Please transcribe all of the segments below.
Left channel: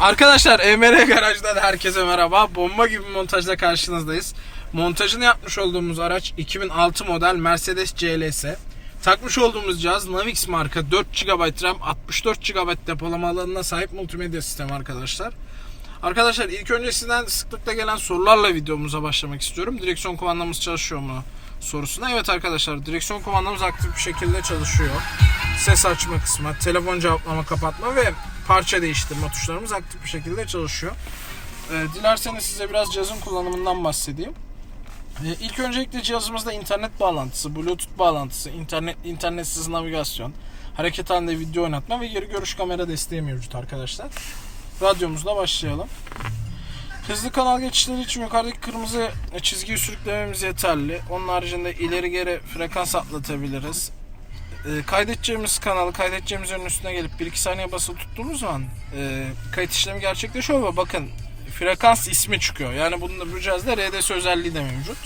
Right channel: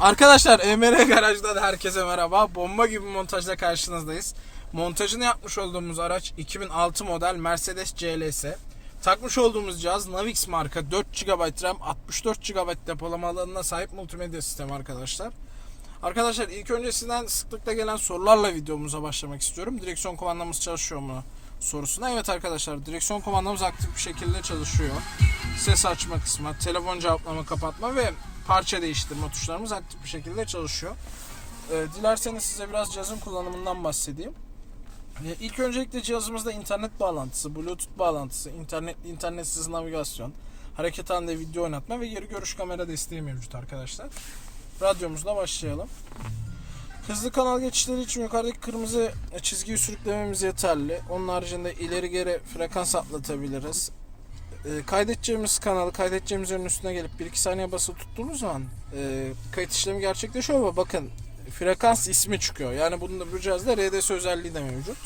Arkadaşlar EMR Garaj'dan herkese merhaba. Bomba gibi montajla karşınızdayız. Montajını yapmış olduğumuz araç 2006 model Mercedes CLS. Takmış olduğumuz cihaz Navix marka 4 GB RAM 64 GB depolama alanına sahip multimedya sistemi arkadaşlar. Arkadaşlar ilk öncesinden sıklıkla gelen sorularla videomuza başlamak istiyorum. Direksiyon kumandamız çalışıyor mu sorusuna. Evet arkadaşlar direksiyon kumandamız aktif bir şekilde çalışıyor. Ses açma kısmı, telefon cevaplama kapatma ve parça değiştirme tuşlarımız aktif bir şekilde çalışıyor. Ee, dilerseniz size biraz cihazın kullanımından bahsedeyim. Ee, ilk öncelikle cihazımızda internet bağlantısı, bluetooth bağlantısı, internet internetsiz navigasyon, hareket halinde video oynatma ve geri görüş kamera desteği mevcut arkadaşlar. Radyomuzla başlayalım. Hızlı kanal geçişleri için yukarıdaki kırmızı çizgiyi sürüklememiz yeterli. Onun haricinde ileri geri frekans atlatabiliriz. E, kaydedeceğimiz kanalı kaydedeceğimiz yerin üstüne gelip 1-2 saniye basılı tuttuğumuz zaman e, kayıt işlemi gerçekleşiyor ve bakın frekans ismi çıkıyor. Yani bunun da bu cihazda RDS özelliği de mevcut.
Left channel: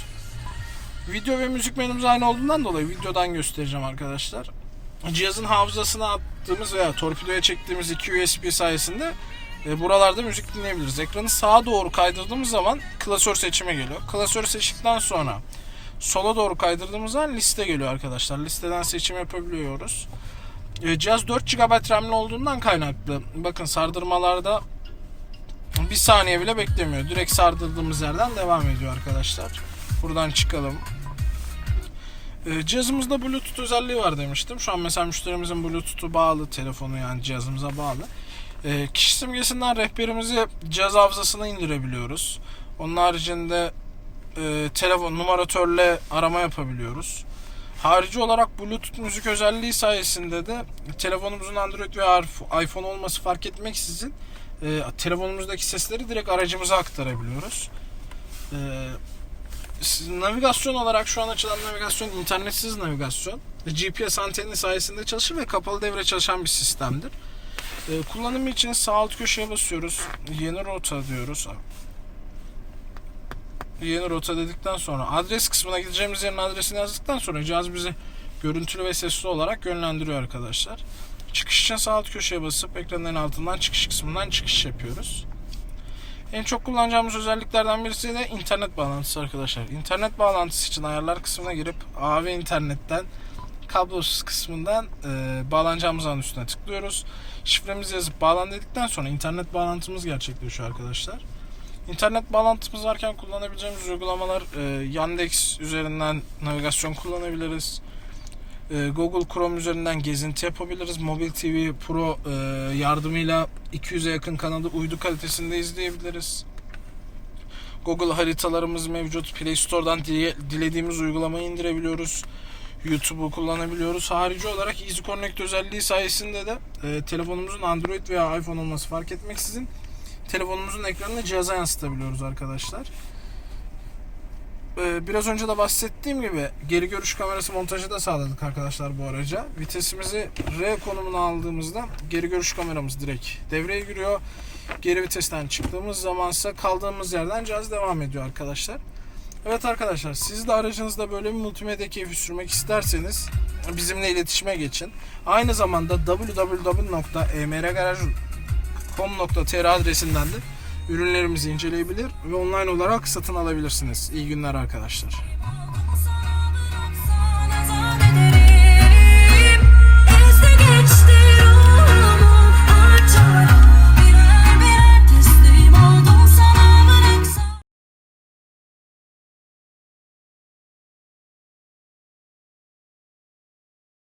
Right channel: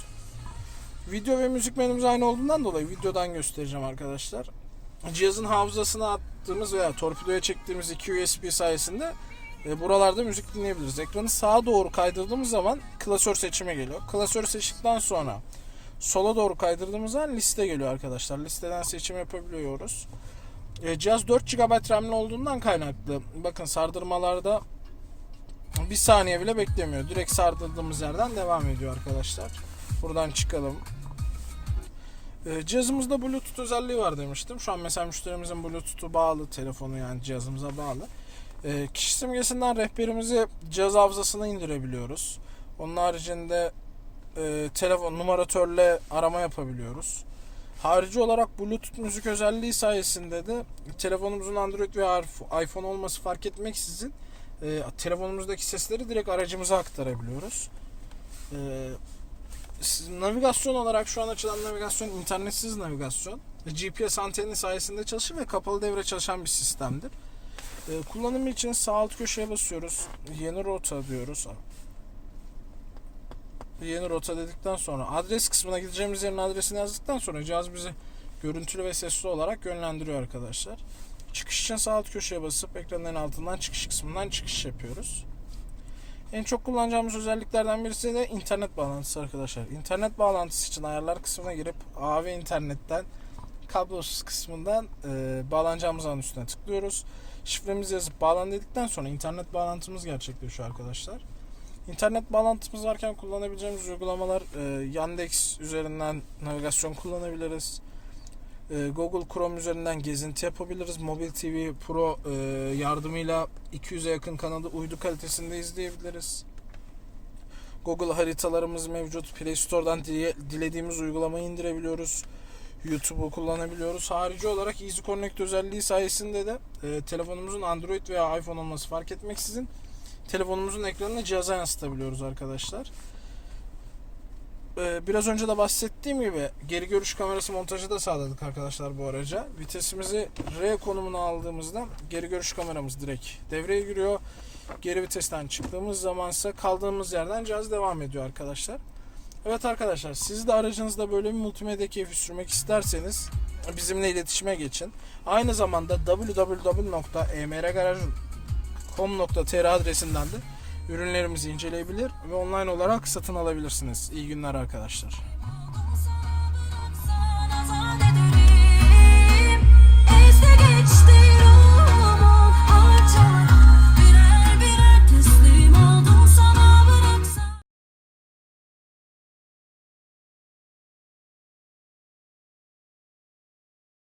Video ve müzik menümüz aynı olduğundan dolayı videodan göstereceğim arkadaşlar. Cihazın hafızasına attığımız veya torpidoya çektiğimiz iki USB sayesinde e, buralarda müzik dinleyebiliriz. Ekranı sağa doğru kaydırdığımız zaman klasör seçime geliyor. Klasörü seçtikten sonra sola doğru kaydırdığımız zaman liste geliyor arkadaşlar. Listeden seçim yapabiliyoruz. E, cihaz 4 GB RAM'li olduğundan kaynaklı. Bakın sardırmalarda bir saniye bile beklemiyor. Direkt sardırdığımız yerden devam ediyor arkadaşlar. Buradan çıkalım. E, cihazımızda Bluetooth özelliği var demiştim. Şu an mesela müşterimizin Bluetooth'u bağlı. Telefonu yani cihazımıza bağlı. E, kişi simgesinden rehberimizi cihaz hafızasına indirebiliyoruz. Onun haricinde e, telefon numaratörle arama yapabiliyoruz. Harici olarak Bluetooth müzik özelliği sayesinde de telefonumuzun Android veya iPhone olması fark etmeksizin e, telefonumuzdaki sesleri direkt aracımıza aktarabiliyoruz. E, navigasyon olarak şu an açılan navigasyon internetsiz navigasyon. GPS anteni sayesinde çalışır ve kapalı devre çalışan bir sistemdir. E, kullanımı için sağ alt köşeye basıyoruz. Yeni rota diyoruz. Yeni rota dedikten sonra adres kısmına gideceğimiz yerin adresini yazdıktan sonra cihaz bizi görüntülü ve sesli olarak yönlendiriyor arkadaşlar. Çıkış için sağ alt köşeye basıp ekranın en altından çıkış kısmından çıkış yapıyoruz. En çok kullanacağımız özelliklerden birisi de internet bağlantısı arkadaşlar. İnternet bağlantısı için ayarlar kısmına girip AV internetten kablosuz kısmından e, bağlanacağımız an üstüne tıklıyoruz. Şifremizi yazıp bağlan dedikten sonra internet bağlantımız gerçekleşiyor arkadaşlar. İnternet bağlantımız varken kullanabileceğimiz uygulamalar e, Yandex üzerinden navigasyon kullanabiliriz. E, Google Chrome üzerinden gezinti yapabiliriz. Mobil TV Pro e, yardımıyla 200'e yakın kanalı uydu kalitesinde izleyebiliriz. Google haritalarımız mevcut. Play Store'dan dile- dilediğimiz uygulamayı indirebiliyoruz. YouTube'u kullanabiliyoruz. Harici olarak Easy Connect özelliği sayesinde de e, telefonumuzun Android veya iPhone olması fark etmeksizin telefonumuzun ekranını cihaza yansıtabiliyoruz arkadaşlar. Ee, biraz önce de bahsettiğim gibi geri görüş kamerası montajı da sağladık arkadaşlar bu araca. Vitesimizi R konumuna aldığımızda geri görüş kameramız direkt devreye giriyor. Geri vitesten çıktığımız zamansa kaldığımız yerden cihaz devam ediyor arkadaşlar. Evet arkadaşlar siz de aracınızda böyle bir multimedya keyfi sürmek isterseniz bizimle iletişime geçin. Aynı zamanda www.emrgaraj.com.tr adresinden de ürünlerimizi inceleyebilir ve online olarak satın alabilirsiniz. İyi günler arkadaşlar.